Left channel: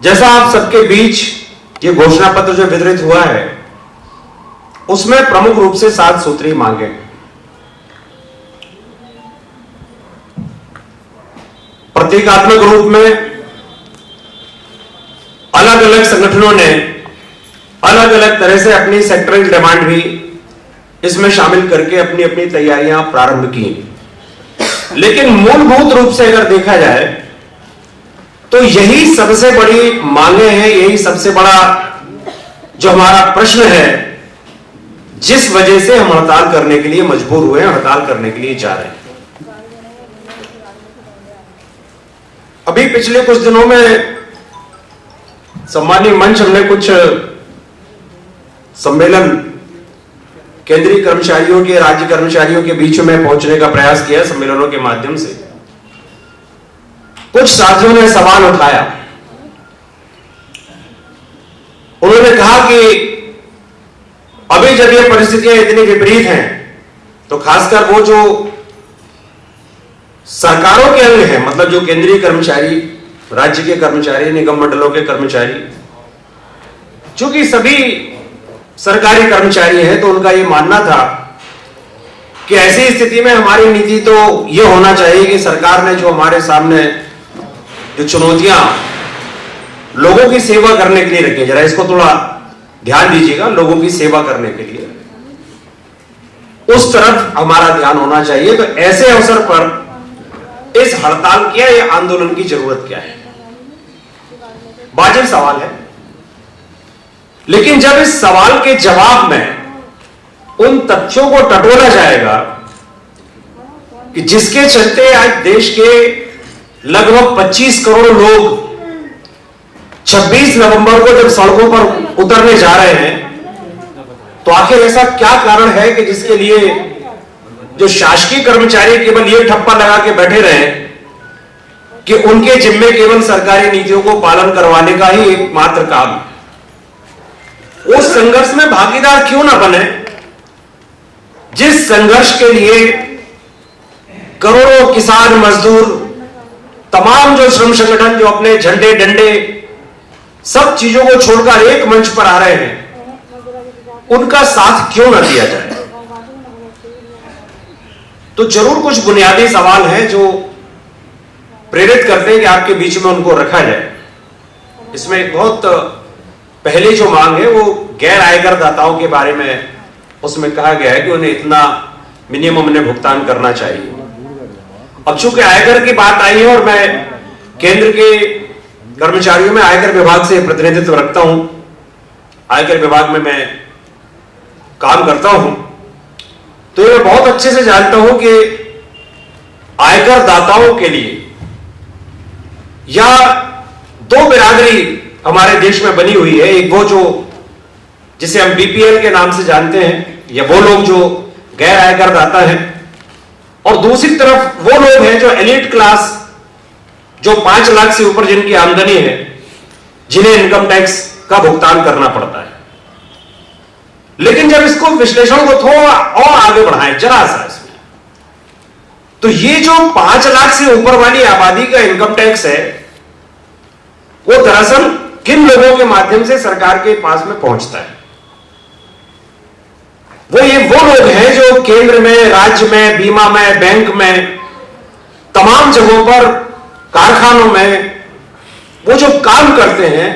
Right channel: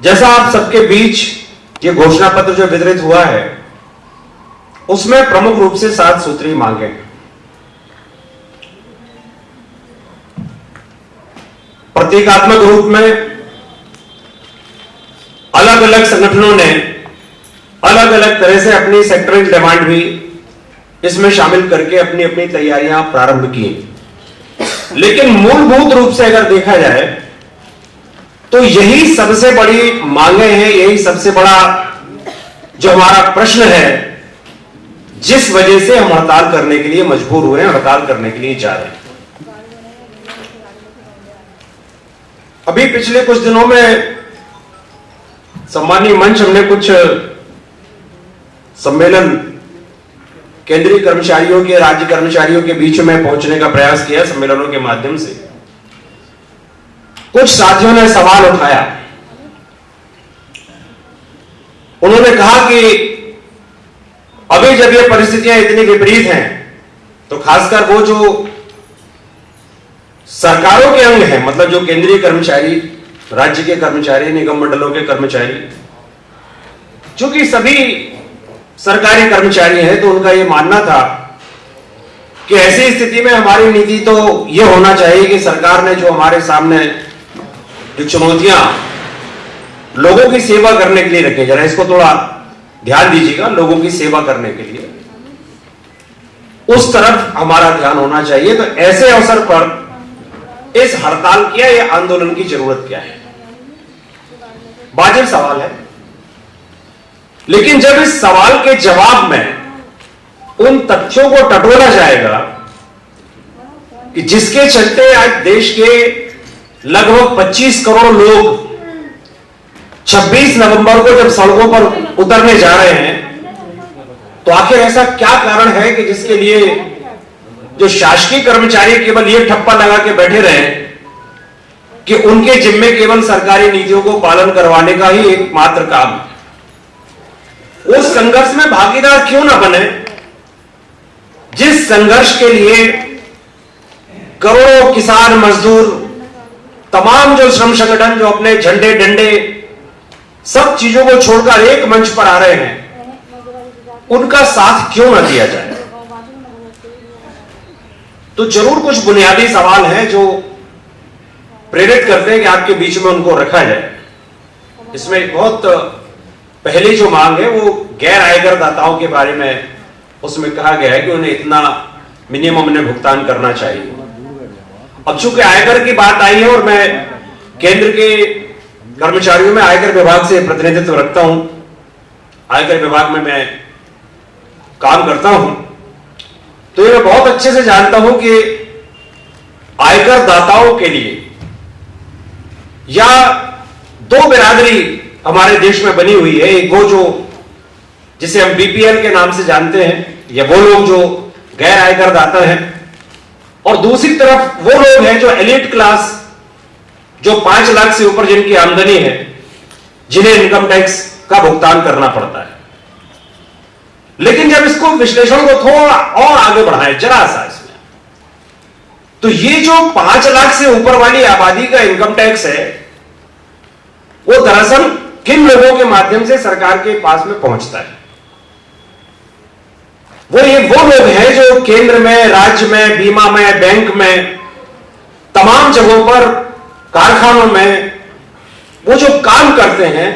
जैसा आप सबके बीच ये घोषणा पत्र जो वितरित हुआ है, उसमें प्रमुख रूप से 7 सूत्रीय मांगे। प्रतीकात्मक रूप में अलग अलग संगठनों ने अलग अलग तरह से अपनी सेक्टरल डिमांड भी इसमें शामिल करके अपनी अपनी तैयारियां प्रारंभ की। लेकिन मूलभूत रूप से अगर देखा जाए तो यही सबसे बड़ी मांगे हैं, यही सबसे बड़ा जो हमारा प्रश्न है, जिस वजह से हम हड़ताल करने के लिए मजबूर हुए हैं, हड़ताल करने के लिए जा रहे हैं। अभी पिछले कुछ दिनों में सम्मानीय मंच हमने कुछ सम्मेलन केंद्रीय कर्मचारियों के, राज्य कर्मचारियों के बीच में पहुंचने का प्रयास किया। सम्मेलनों के माध्यम से कुछ साथियों ने सवाल उठाया। उन्होंने कहा कि अभी जब ये परिस्थितियां इतनी विपरीत हैं तो खासकर वो जो सरकारों के अंग हैं, मतलब जो केंद्रीय कर्मचारी, राज्य के कर्मचारी, निगम मंडलों के कर्मचारी, चूंकि सभी सरकारी कर्मचारी हैं, तो उनका यह मानना था कि ऐसी स्थिति में हमारी नीति तो यह होना चाहिए कि सरकार ने जो हमारे सामने जो चुनौतियां लोगों की सेवा करने के लिए रखी, जरा इसको थोड़ा ध्यान दीजिएगा, लोगों की सेवा करने के लिए उस तरफ हमारा ध्यान होना चाहिए। तो ऐसे अवसर पर इस हड़ताल की या आंदोलन की जरूरत क्या है? वाजिब सवाल है। लेकिन जब इस सवाल के जवाब में उन तथ्यों को टटोला जाएगा कि जिसके चलते आज देश के लगभग 25 करोड़ लोग 26 नवंबर को जब सड़कों पर उतरने जा रहे हैं, तो आखिर ऐसा क्या कारण है कि जिसके लिए जो शासकीय कर्मचारी केवल ये ठप्पा लगा के बैठे रहे कि उनके जिम्मे केवल सरकारी नीतियों को पालन करवाने का ही एकमात्र काम है। उस संघर्ष में भागीदार क्यों ना बने जिस संघर्ष के लिए करोड़ों किसान, मजदूर, तमाम जो श्रम संगठन जो अपने झंडे डंडे सब चीजों को छोड़कर एक मंच पर आ रहे हैं, उनका साथ क्यों ना दिया जाए? तो जरूर कुछ बुनियादी सवाल हैं जो प्रेरित करते हैं कि आपके बीच में उनको रखा जाए। इसमें एक बहुत पहली जो मांग है वो गैर आयकर दाताओं के बारे में, उसमें कहा गया है कि उन्हें इतना मिनिमम उन्हें भुगतान करना चाहिए। अब चूंकि आयकर की बात आई है और मैं केंद्र के कर्मचारियों में आयकर विभाग से प्रतिनिधित्व रखता हूं, आयकर विभाग में मैं काम करता हूं, तो ये मैं बहुत अच्छे से जानता हूं कि आयकर दाताओं के लिए या दो बिरादरी हमारे देश में बनी हुई है। एक वो जो जिसे हम बीपीएल के नाम से जानते हैं, या वो लोग जो गैर आयकर दाता हैं, और दूसरी तरफ वो लोग हैं जो एलिट क्लास, जो 5 लाख से ऊपर जिनकी आमदनी है, जिन्हें इनकम टैक्स का भुगतान करना पड़ता है। लेकिन जब इसको विश्लेषण को थोड़ा और आगे बढ़ाएं जरा सा इसमें, तो ये जो 5 लाख से ऊपर वाली आबादी का इनकम टैक्स है, वो दरअसल किन लोगों के माध्यम से सरकार के पास में पहुंचता है? वो लोग हैं जो केंद्र में, राज्य में, बीमा में, बैंक में, तमाम जगहों पर, कारखानों में वो जो काम करते हैं,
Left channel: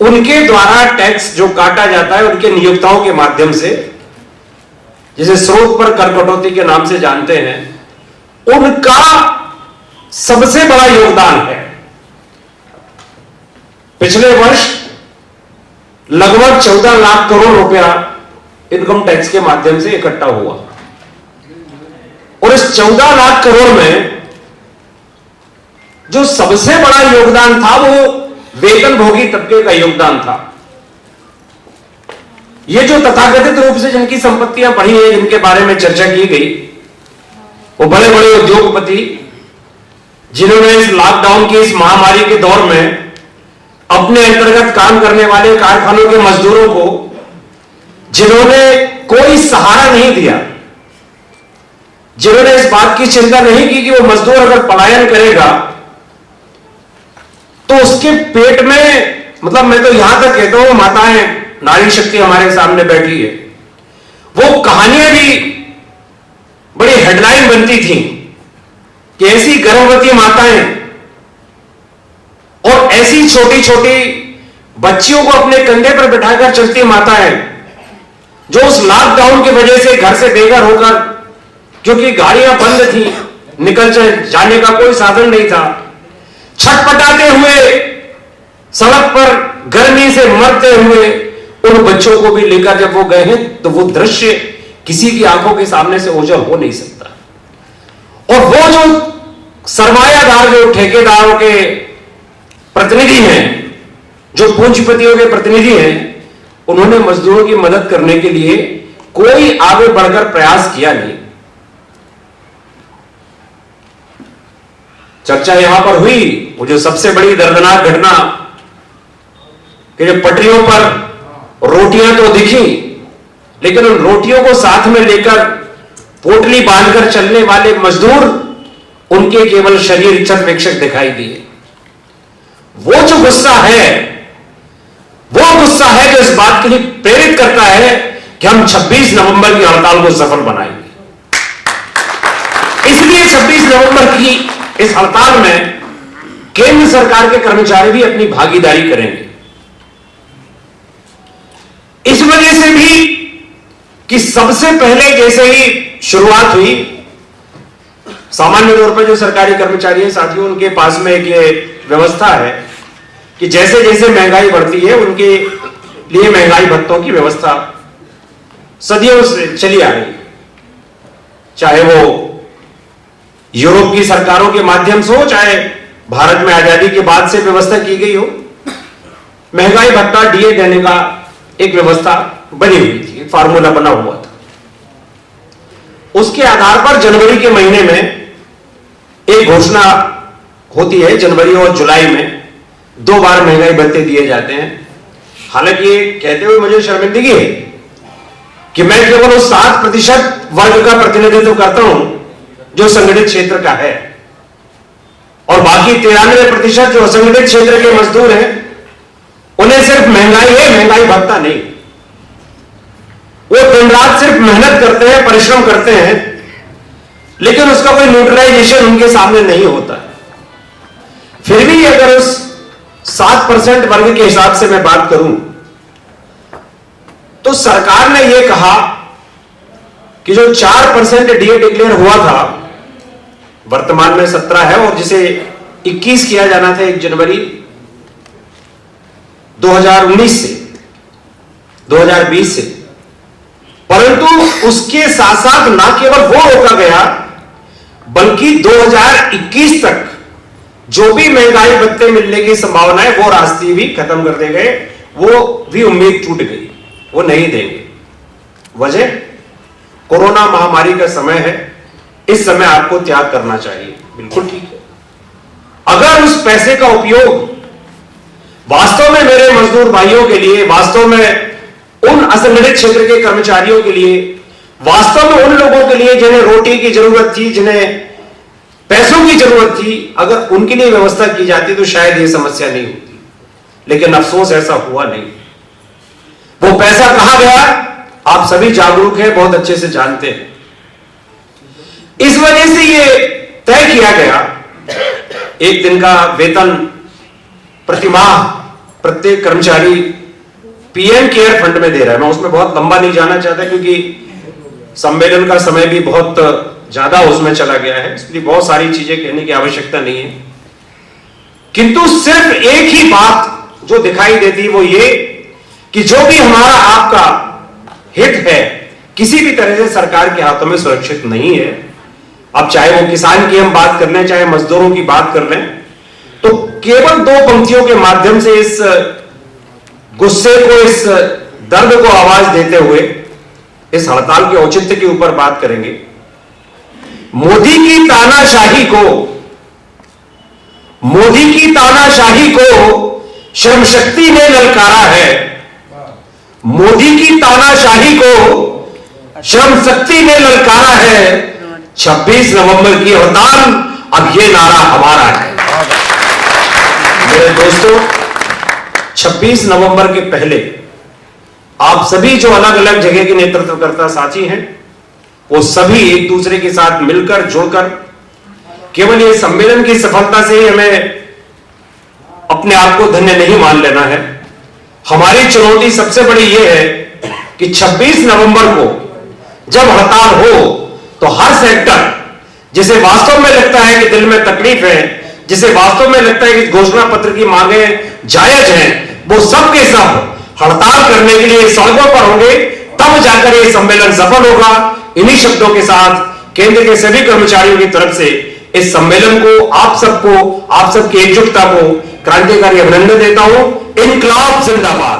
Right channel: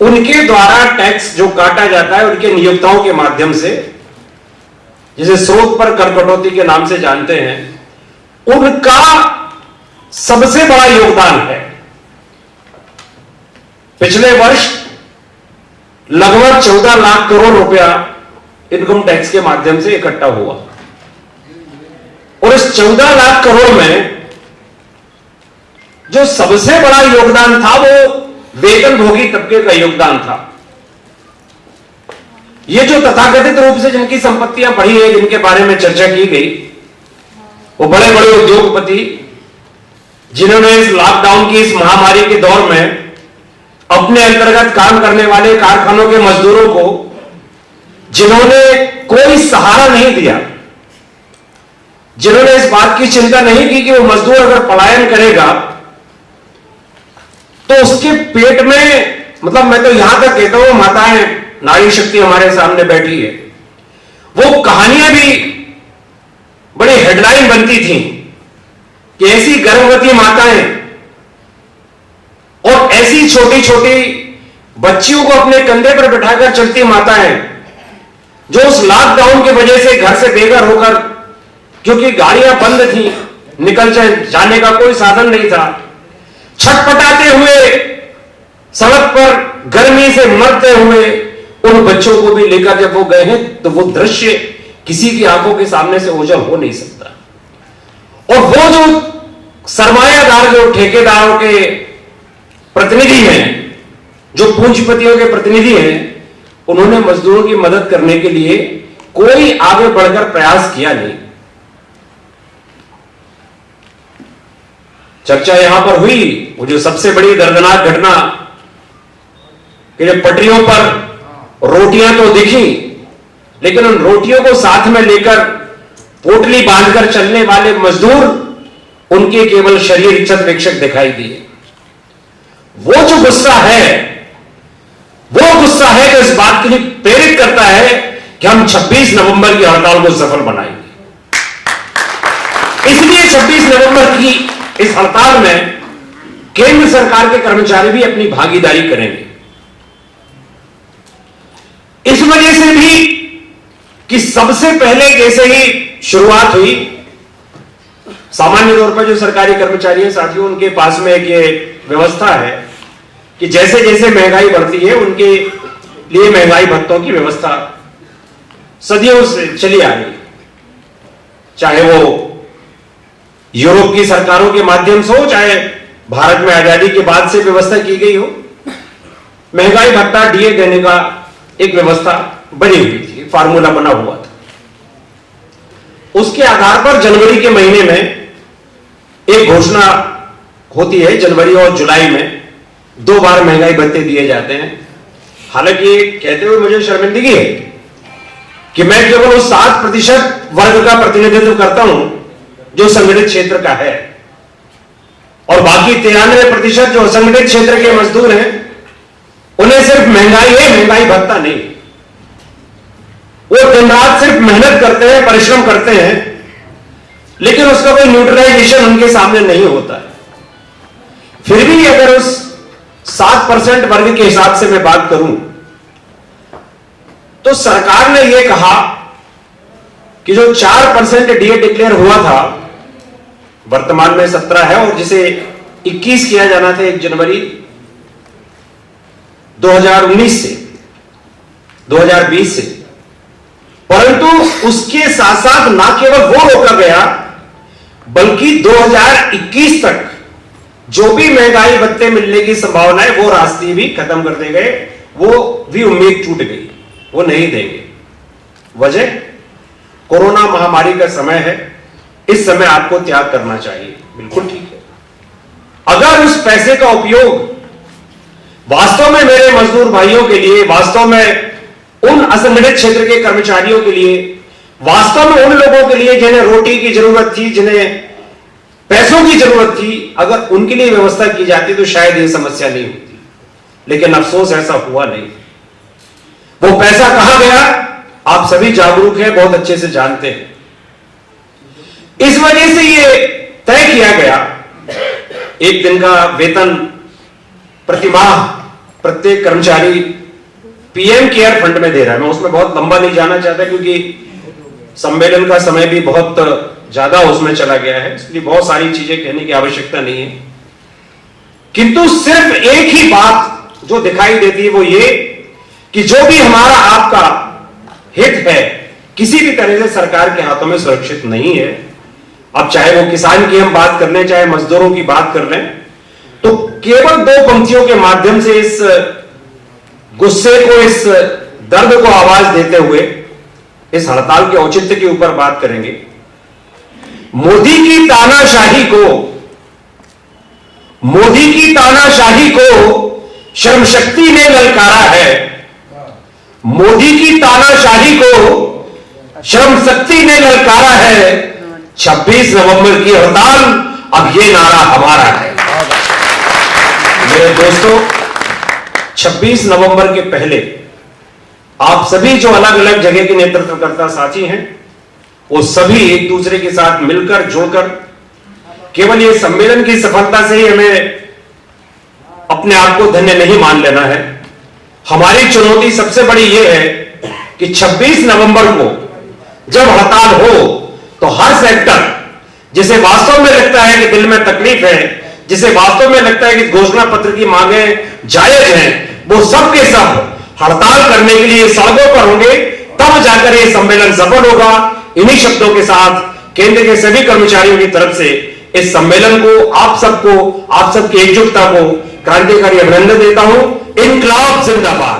उनके द्वारा टैक्स जो काटा जाता है उनके नियोक्ताओं के माध्यम से, जिसे स्रोत पर कर कटौती के नाम से जानते हैं, उनका सबसे बड़ा योगदान है। पिछले वर्ष लगभग 14 लाख करोड़ रुपया इनकम टैक्स के माध्यम से इकट्ठा हुआ, और इस 14 लाख करोड़ में जो सबसे बड़ा योगदान था वो वेतनभोगी तबके का योगदान था। ये जो तथाकथित रूप से जिनकी संपत्तियां बढ़ी है, जिनके बारे में चर्चा की गई, वो बड़े बड़े उद्योगपति जिन्होंने इस लॉकडाउन की इस महामारी के दौर में अपने अंतर्गत काम करने वाले कारखानों के मजदूरों को, जिन्होंने कोई सहारा नहीं दिया, जिन्होंने इस बात की चिंता नहीं की कि वो मजदूर अगर पलायन करेगा तो उसके पेट में, मतलब मैं तो यहां तक कहता हूं, माताएं, नारी शक्ति हमारे सामने बैठी है, वो कहानियां भी बड़ी हेडलाइन बनती थी कि ऐसी गर्भवती माताएं और ऐसी छोटी छोटी बच्चियों को अपने कंधे पर बिठाकर चलती माताएं, जो उस लॉकडाउन की वजह से घर से बेघर होकर, क्योंकि गाड़ियां बंद थी, निकल जाने का कोई साधन नहीं था, छटपटाते हुए सड़क पर गर्मी से मरते हुए उन बच्चों को भी लेकर जब वो गए हैं, तो वो दृश्य किसी की आंखों के सामने से ओझल हो नहीं सकता। और वो जो सरमायादार, जो ठेकेदारों के प्रतिनिधि हैं, जो पूंजीपतियों के प्रतिनिधि हैं, उन्होंने मजदूरों की मदद करने के लिए कोई आगे बढ़कर प्रयास किया नहीं। चर्चा यहां पर हुई वो जो सबसे बड़ी दर्दनाक घटना कि जब पटरियों पर रोटियां तो दिखी, लेकिन उन रोटियों को साथ में लेकर पोटली बांधकर चलने वाले मजदूर, उनके केवल शरीर क्षत-विक्षत दिखाई दिए। वो जो गुस्सा है, वो गुस्सा है जो इस बात के लिए प्रेरित करता है कि हम 26 नवंबर की हड़ताल को सफल बनाएंगे। इसलिए 26 नवंबर की इस हड़ताल में केंद्र सरकार के कर्मचारी भी अपनी भागीदारी करेंगे। इस वजह से भी कि सबसे पहले जैसे ही शुरुआत हुई, सामान्य तौर पर जो सरकारी कर्मचारी हैं साथियों, उनके पास में एक ये व्यवस्था है कि जैसे जैसे महंगाई बढ़ती है, उनके लिए महंगाई भत्तों की व्यवस्था सदियों से चली आ रही है। चाहे वो यूरोप की सरकारों के माध्यम से हो, चाहे भारत में आजादी के बाद से व्यवस्था की गई हो, महंगाई भत्ता डीए देने का एक व्यवस्था बनी हुई थी, फार्मूला बना हुआ था। उसके आधार पर जनवरी के महीने में एक घोषणा होती है, जनवरी और जुलाई में 2 बार महंगाई भत्ते दिए जाते हैं। हालांकि कहते हुए मुझे शर्मिंदगी है कि मैं केवल उस 7% वर्ग का प्रतिनिधित्व करता हूं जो संगठित क्षेत्र का है, और बाकी 93% जो असंगठित क्षेत्र के मजदूर हैं, उन्हें सिर्फ महंगाई है, महंगाई भत्ता नहीं। वो दिन रात सिर्फ मेहनत करते हैं, परिश्रम करते हैं, लेकिन उसका कोई न्यूट्रलाइजेशन उनके सामने नहीं होता है। फिर भी अगर उस 7% वर्ग के हिसाब से मैं बात करूं, तो सरकार ने यह कहा कि जो 4% डीए डिक्लेयर हुआ था, वर्तमान में 17 है, और जिसे 21 किया जाना था 1 जनवरी 2019 से 2020 से, परंतु उसके साथ साथ ना केवल वो रोका गया, बल्कि 2021 तक जो भी महंगाई भत्ते मिलने की संभावना है, वो रास्ते भी खत्म कर दिए गए, वो भी उम्मीद टूट गई, वो नहीं देंगे। वजह कोरोना महामारी का समय है, इस समय आपको त्याग करना चाहिए, बिल्कुल ठीक है। अगर उस पैसे का उपयोग वास्तव में मेरे मजदूर भाइयों के लिए, वास्तव में उन असंगठित क्षेत्र के कर्मचारियों के लिए, वास्तव में उन लोगों के लिए जिन्हें रोटी की जरूरत थी, जिन्हें पैसों की जरूरत थी, अगर उनके लिए व्यवस्था की जाती तो शायद ये समस्या नहीं होती। लेकिन अफसोस ऐसा हुआ नहीं। वो पैसा कहां गया, आप सभी जागरूक हैं, बहुत अच्छे से जानते हैं। इस वजह से ये तय किया गया, 1 दिन का वेतन प्रतिमाह प्रत्येक कर्मचारी पीएम केयर फंड में दे रहा है। मैं उसमें बहुत लंबा नहीं जाना चाहता, क्योंकि सम्मेलन का समय भी बहुत ज्यादा उसमें चला गया है, इसलिए बहुत सारी चीजें कहने की आवश्यकता नहीं है। किंतु सिर्फ एक ही बात जो दिखाई देती है वो ये कि जो भी हमारा आपका हित है, किसी भी तरह से सरकार के हाथों में सुरक्षित नहीं है। अब चाहे वो किसान की हम बात कर लें, चाहे मजदूरों की बात कर लें, तो केवल 2 पंक्तियों के माध्यम से इस गुस्से को, इस दर्द को आवाज देते हुए इस हड़ताल के औचित्य के ऊपर बात करेंगे। मोदी की तानाशाही को श्रम शक्ति ने ललकारा है। मोदी की तानाशाही को श्रम शक्ति ने ललकारा है। 26 नवंबर की हड़ताल, अब ये नारा हमारा है। मेरे दोस्तों, 26 नवंबर के पहले आप सभी जो अलग अलग जगह के नेतृत्वकर्ता साथी हैं, वो सभी एक दूसरे के साथ मिलकर जुड़कर केवल ये सम्मेलन की सफलता से ही हमें अपने आप को धन्य नहीं मान लेना है। हमारी चुनौती सबसे बड़ी ये है कि 26 नवंबर को जब हड़ताल हो तो हर सेक्टर जिसे वास्तव में लगता है कि दिल में तकलीफ है, जिसे वास्तव में लगता है कि घोषणा पत्र की मांगें जायज हैं, वो सब के सब हड़ताल करने के लिए सड़कों पर होंगे, तब जाकर ये सम्मेलन सफल होगा। इन्हीं शब्दों के साथ केंद्र के सभी कर्मचारियों की तरफ से इस सम्मेलन को, आप सबको, आप सबकी एकजुटता को क्रांतिकारी अभिनंदन देता हूं। इनकलाब जिंदाबाद।